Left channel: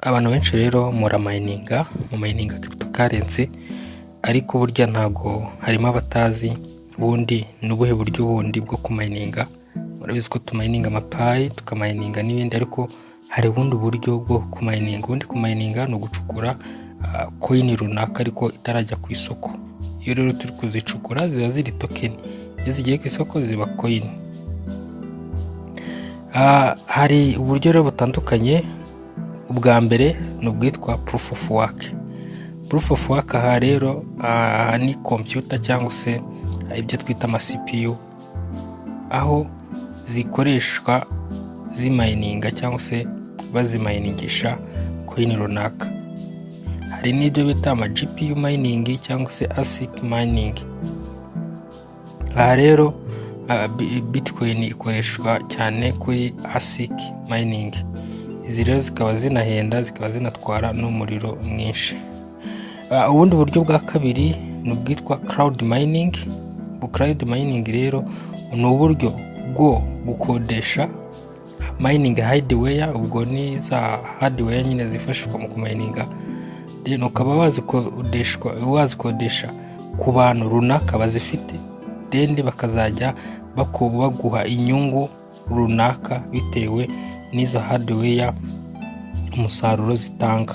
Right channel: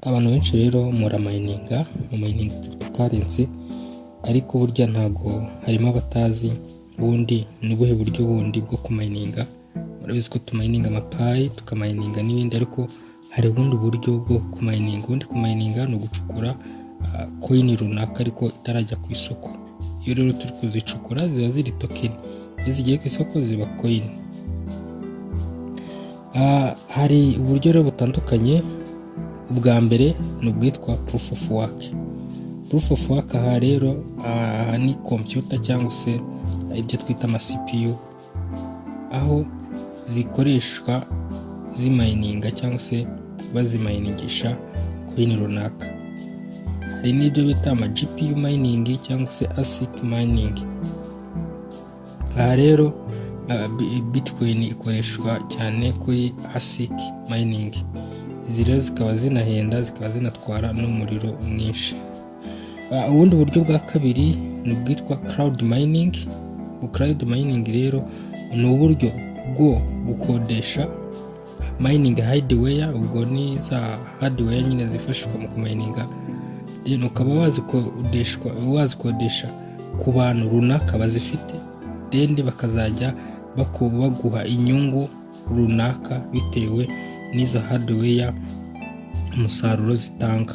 Abantu benshi rero muramayininga cryptocurrency, ariko burya ntago harimo abatazi ubundi n'ubuhe buryo bundi bwo kumayininga. Urabizi ko tumayininga amapayi, tukamayininga n'ibindi, ariko hari ubundi buryo bwo kumayininga. Ubundi kumayininga ni ugucukura coin runaka ariko itarajya ku isoko. Iyo rero turi kuzicukura ziba ziri token, iyo zigiye ku isoko ziba coin. Hari uburyo rero butandukanye. Ubwa mbere ni ubwitwa proof of work. Proof of work aha rero ni computer cyangwa se ibyo twita ama CPU, aho zikoreshwa zimayininga cyangwa se bazimayiningisha coin runaka. Hari n'ibyo bita ama GPU mining cyangwa se ASIC mining. Aha rero Bitcoin ikoreshwa cyane kuri ASIC mining. Izi rero zikaba zinahenda, zikaba zinatwara n'umuriro mwinshi. Ubundi buryo bwa kabiri ni ubwitwa cloud mining. Cloud mining rero ni uburyo bwo gukodesha mining hardware, ubwo ni za hardware nyine zifashishwa mu kumininga. Rero ukaba wazikodesha ku bantu runaka bazifite, then bakazajya baguha inyungu runaka bitewe n'izo hardware umusaruro zitanga.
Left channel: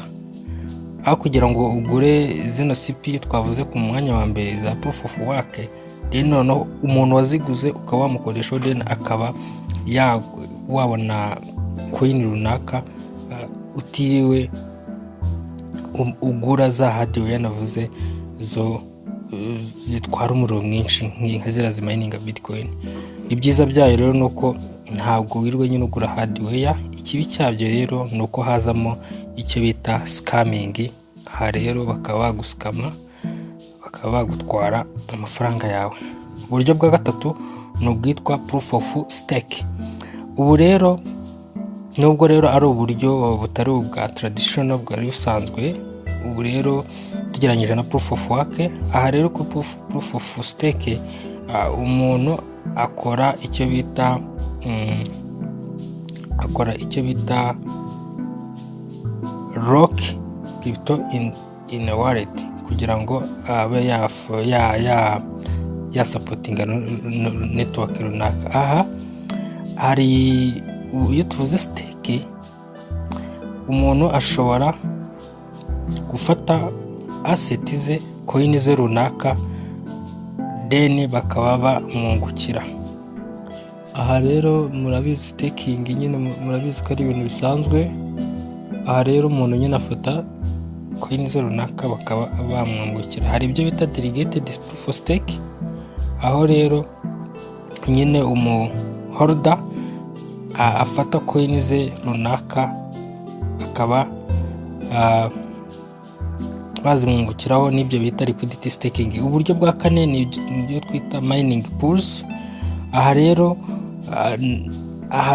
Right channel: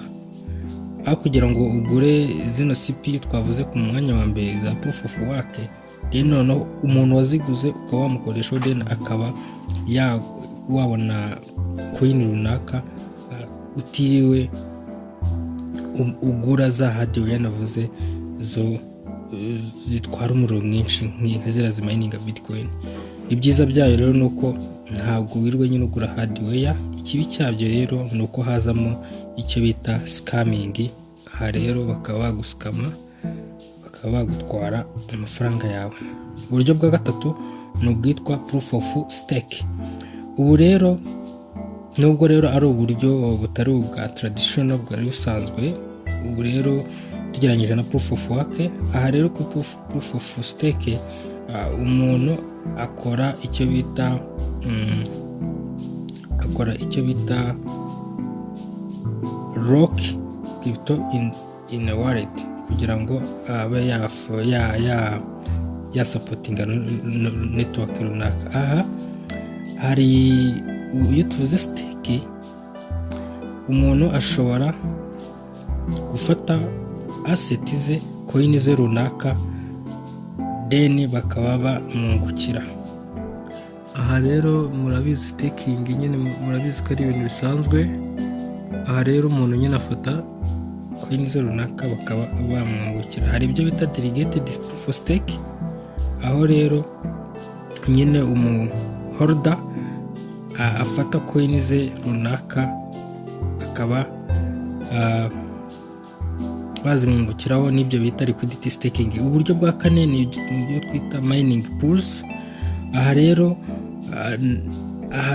Aho kugira ngo ugure zino CPU twavuze ku mwanya wa mbere za proof of work, rero no umuntu waziguze ukaba wamukoresha, then akaba wabona coin runaka utiriwe ugura za hardware navuze zo zitwara umuriro mwinshi nk'izira zimayininga Bitcoin. Ibyiza byayo rero nuko ntabwo wirwe nyine ugura hardware. Ikibi cyabyo rero nuko hazamo icyo bita scamming. Aha rero bakaba baguskama, bakaba bagutwara amafaranga yawe. Uburyo bwa gatatu ni ubwitwa proof of stake. Ubu rero nubwo rero ari uburyo butari ubwa traditional bwari busanzwe, ubu rero tugeranyije na proof of work. Aha rero ku proof of stake umuntu akora icyo bita lock crypto in a wallet, kugira ngo abe ya supporting network runaka. Aha hari iyo tuvuze stake, umuntu ashobora gufata asset ze, coin ze runaka, then bakaba bamwungukira. Aha rero murabizi staking nyine, murabizi ko ari ibintu bisanzwe. Aha rero umuntu nyine afata coin ze runaka bakaba bamwungukira. Hari ibyo bita delegated proof of stake, aho rero nyine holder afata coin ze runaka akaba bazimwungukiraho, n'ibyo bita liquidity staking. Uburyo bwa kane ni ibyo twita mining pools. Aha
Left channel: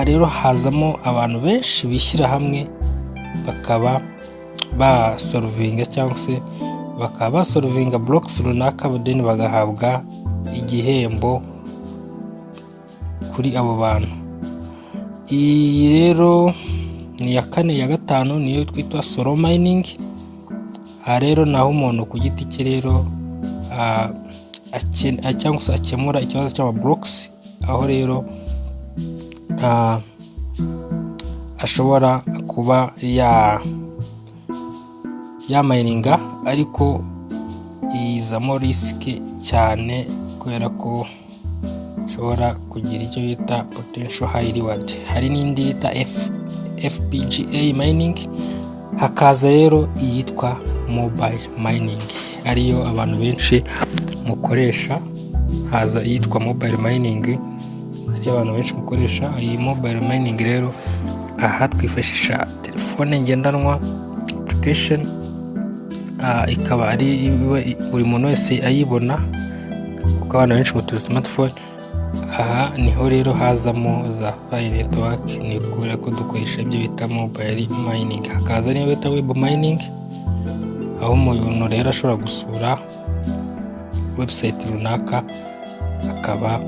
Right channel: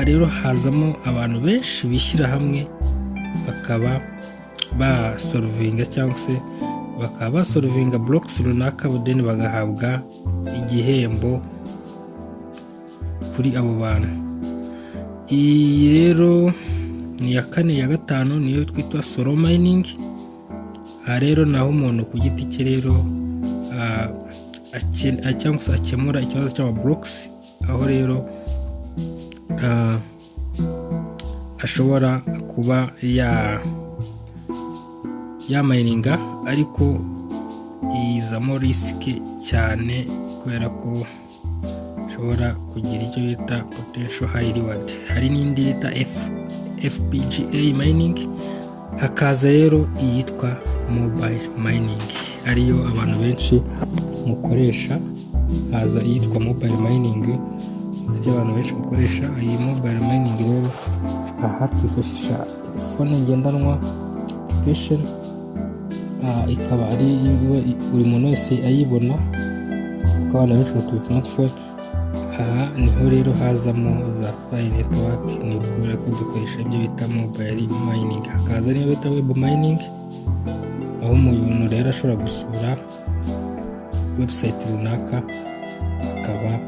rero hazamo abantu benshi bishyira hamwe, bakaba basolvinga cyangwa se bakaba basolvinga blocks runaka, then bagahabwa igihembo kuri abo bantu. Iyi rero ni ya kane. Ya gatanu niyo twita solo mining. Aha rero naho umuntu ku giti cye rero cyangwa se akemura ikibazo cy'ama blocks, aho rero ashobora kuba yamayininga, ariko izamo risk cyane kubera ko ashobora kugira icyo bita potential high reward. Hari n'indi bita FPGA mining. Hakaza rero iyitwa mobile mining, ariyo abantu benshi mukoresha. Haza iyitwa mobile mining, ariyo abantu benshi mukoresha. Iyi mobile mining rero aha twifashisha telefone ngendanwa application, ikaba ari buri muntu wese ayibona kuko abantu benshi mutuzi smartphone. Aha niho rero hazamo za file network, ni ukuri ko dukoresha ibyo bita mobile mining. Hakaza niyo bita web mining, aho umuntu rero ashobora gusura website runaka akaba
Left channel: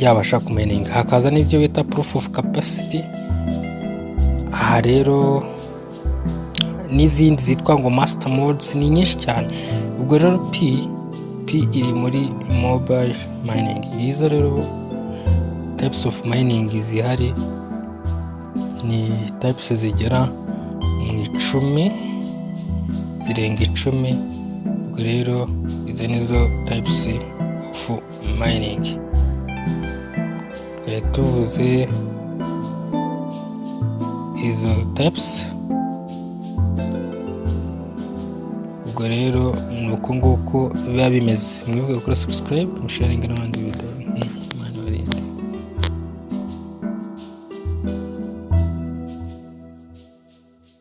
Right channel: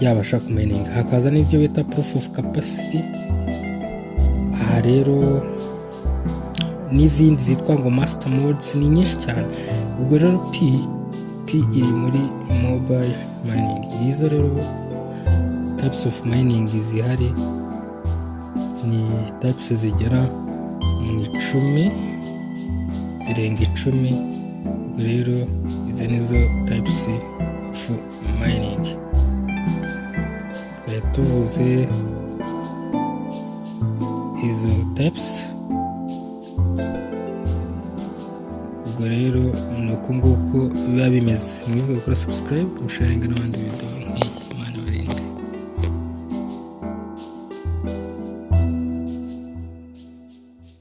yabasha kumininga. Hakaza n'ibyo bita proof of capacity. Aha rero n'izindi zitwa ngo master modes, ni nyinshi cyane. Ubwo rero P iri muri mobile mining. Izo rero types of mining zihari ni types zigera mu 10, zirenga 10. Ubwo rero izo nizo types of mining. Tuvuze izo types, ubwo rero ni uko nguko biba bimeze. Mwibuke gukora subscribe, musharinga n'abandi video nk'iyi. Imana ibarinde.